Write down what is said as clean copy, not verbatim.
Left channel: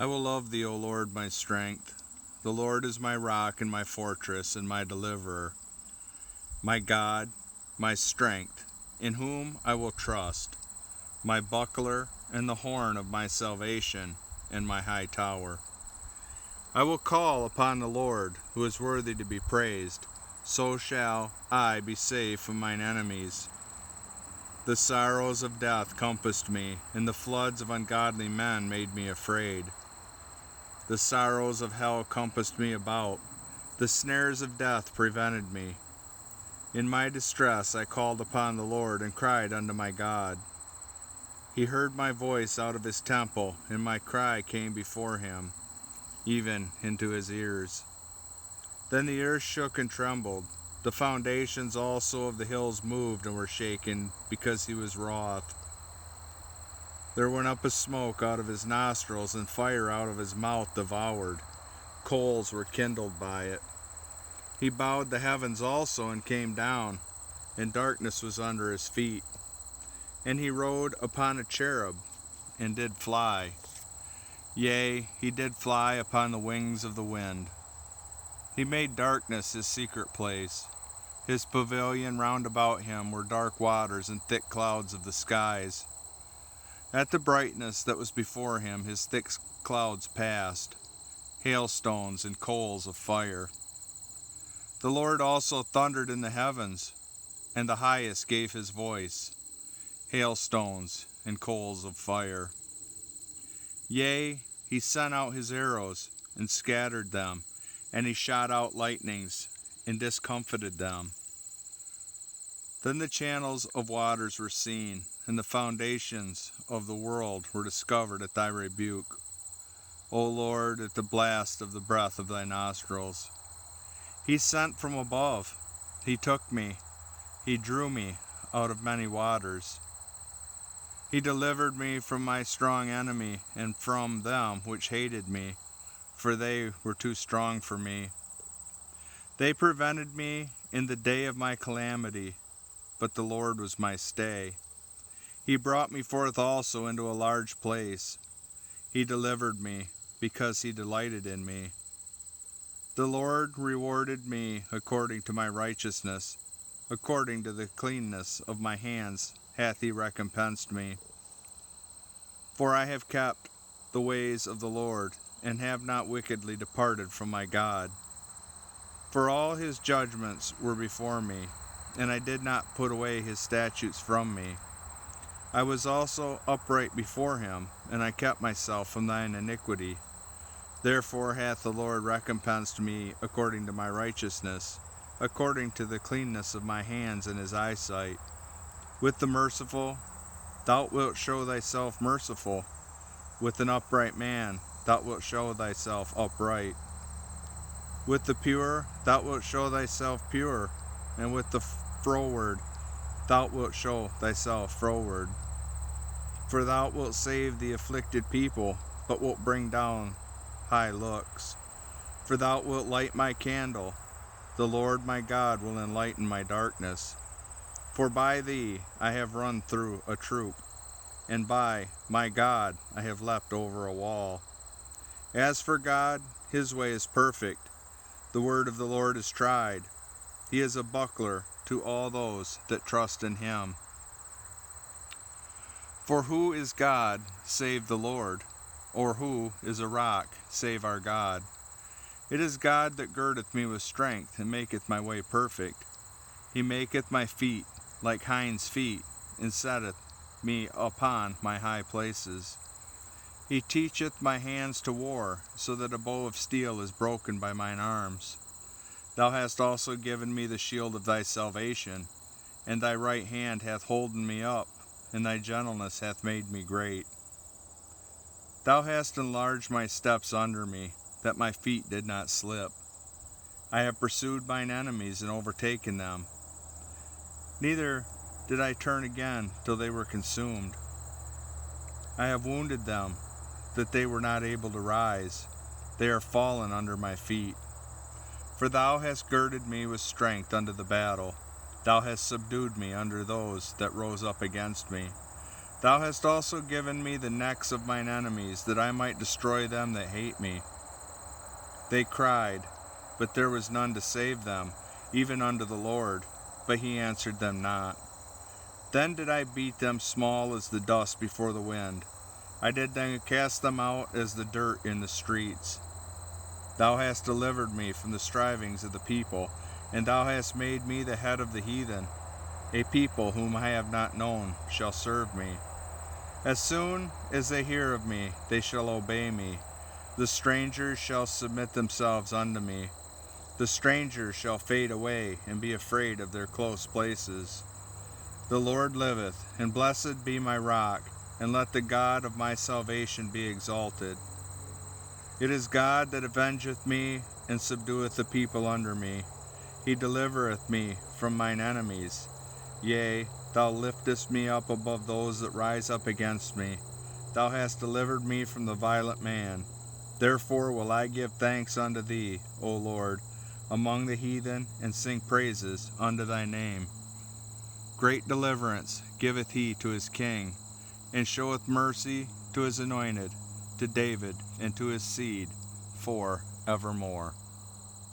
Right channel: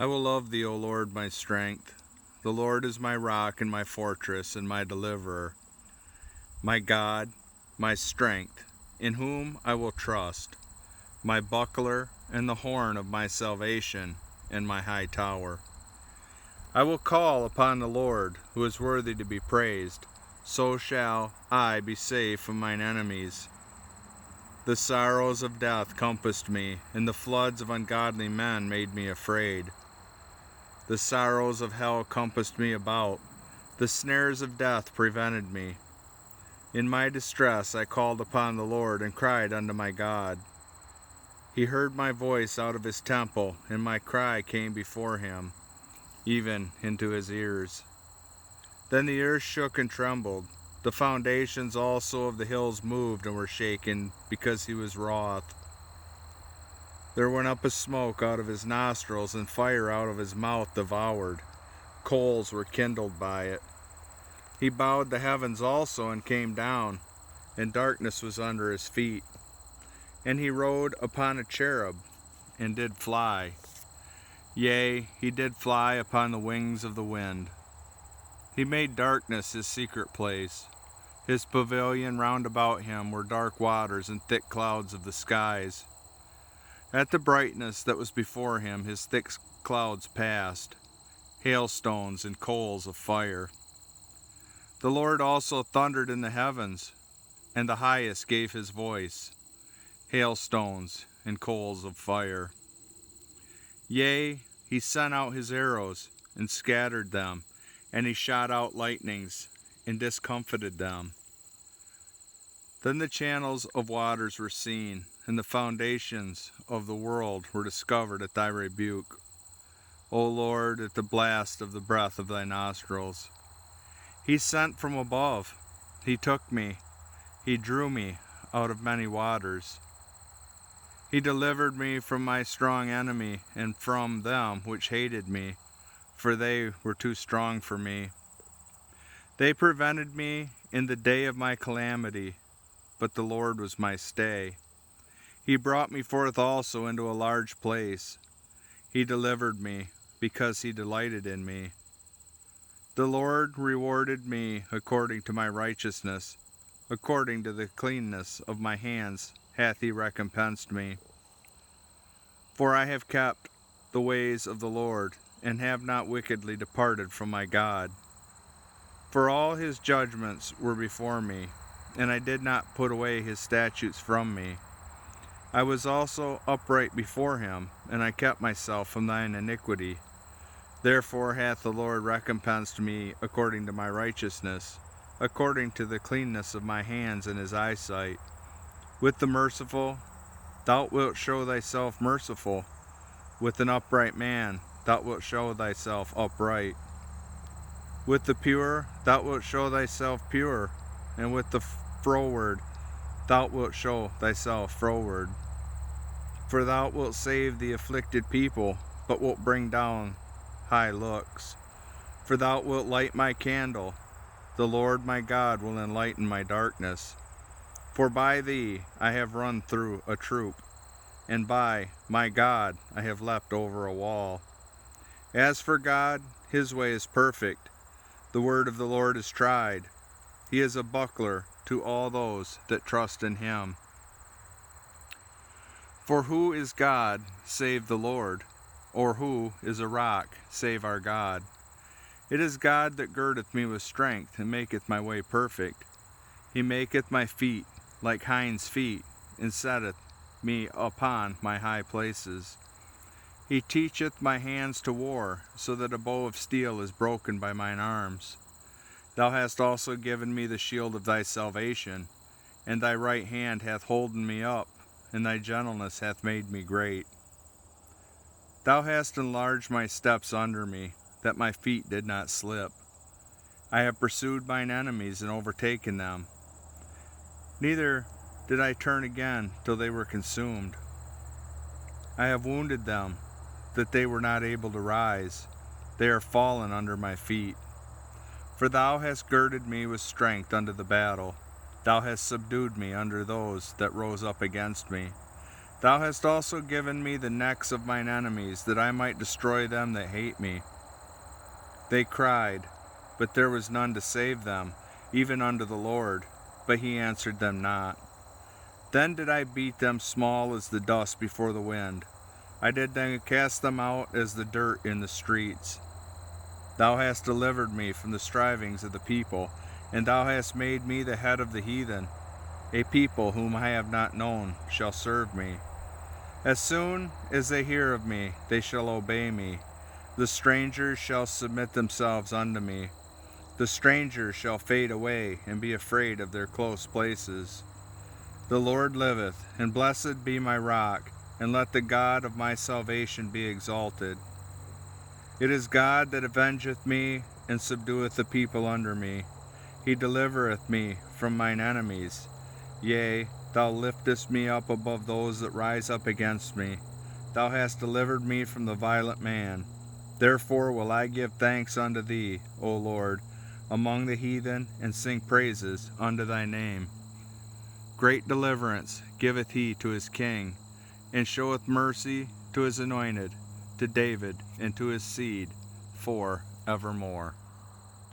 I will love thee, O Lord, my strength. The Lord is my rock and my fortress and my deliverer, my God, my strength, in whom I will trust, my buckler and the horn of my salvation and my high tower. I will call upon the Lord, who is worthy to be praised. So shall I be safe from mine enemies. The sorrows of death compassed me, and the floods of ungodly men made me afraid. The sorrows of hell compassed me about. The snares of death prevented me. In my distress I called upon the Lord and cried unto my God. He heard my voice out of his temple, and my cry came before him, even into his ears. Then the earth shook and trembled. The foundations also of the hills moved and were shaken, because he was wroth. There went up a smoke out of his nostrils, and fire out of his mouth devoured. Coals were kindled by it. He bowed the heavens also and came down, and darkness was under his feet. And he rode upon a cherub, and did fly. Yea, he did fly upon the wings of the wind. He made darkness his secret place. His pavilion round about him were dark waters and thick clouds of the skies. At the brightness that was before him, his thick clouds passed, hailstones and coals of fire. The Lord also thundered in the heavens, and the highest gave his voice, hailstones and coals of fire. Yea, he sent out his arrows and scattered them, and he shot out lightnings and discomfited them. Then the channels of waters were seen, and the foundations of the world were discovered at thy rebuke, O Lord, at the blast of the breath of thy nostrils. He sent from above, he took me, he drew me out of many waters. He delivered me from my strong enemy, and from them which hated me, for they were too strong for me. They prevented me in the day of my calamity, but the Lord was my stay. He brought me forth also into a large place. He delivered me, because he delighted in me. The Lord rewarded me according to my righteousness, according to the cleanness of my hands hath he recompensed me. For I have kept the ways of the Lord, and have not wickedly departed from my God. For all his judgments were before me, and I did not put away his statutes from me. I was also upright before him, and I kept myself from thine iniquity. Therefore hath the Lord recompensed me according to my righteousness, according to the cleanness of my hands in his eyesight. With the merciful, thou wilt show thyself merciful. With an upright man, thou wilt show thyself upright. With the pure, thou wilt show thyself pure, and with the froward, thou wilt show thyself froward. For thou wilt save the afflicted people, but wilt bring down high looks. For thou wilt light my candle, the Lord my God will enlighten my darkness. For by thee I have run through a troop, and by my God I have leapt over a wall. As for God, his way is perfect. The word of the Lord is tried. He is a buckler to all those that trust in him. For who is God save the Lord? Or who is a rock save our God? It is God that girdeth me with strength, and maketh my way perfect. He maketh my feet like hinds' feet, and setteth me upon my high places. He teacheth my hands to war, so that a bow of steel is broken by mine arms. Thou hast also given me the shield of thy salvation, and thy right hand hath holden me up, and thy gentleness hath made me great. Thou hast enlarged my steps under me, that my feet did not slip. I have pursued mine enemies and overtaken them. Neither did I turn again till they were consumed. I have wounded them, that they were not able to rise. They are fallen under my feet. For thou hast girded me with strength unto the battle. Thou hast subdued me under those that rose up against me. Thou hast also given me the necks of mine enemies, that I might destroy them that hate me. They cried, but there was none to save them, even unto the Lord, but he answered them not. Then did I beat them small as the dust before the wind. I did then cast them out as the dirt in the streets. Thou hast delivered me from the strivings of the people, and thou hast made me the head of the heathen. A people whom I have not known shall serve me. As soon as they hear of me, they shall obey me. The strangers shall submit themselves unto me. The strangers shall fade away and be afraid of their close places. The Lord liveth, and blessed be my rock, and let the God of my salvation be exalted. It is God that avengeth me, and subdueth the people under me. He delivereth me from mine enemies. Yea, thou liftest me up above those that rise up against me. Thou hast delivered me from the violent man. Therefore will I give thanks unto thee, O Lord, among the heathen, and sing praises unto thy name. Great deliverance giveth he to his king, and showeth mercy to his anointed, to David and to his seed for evermore.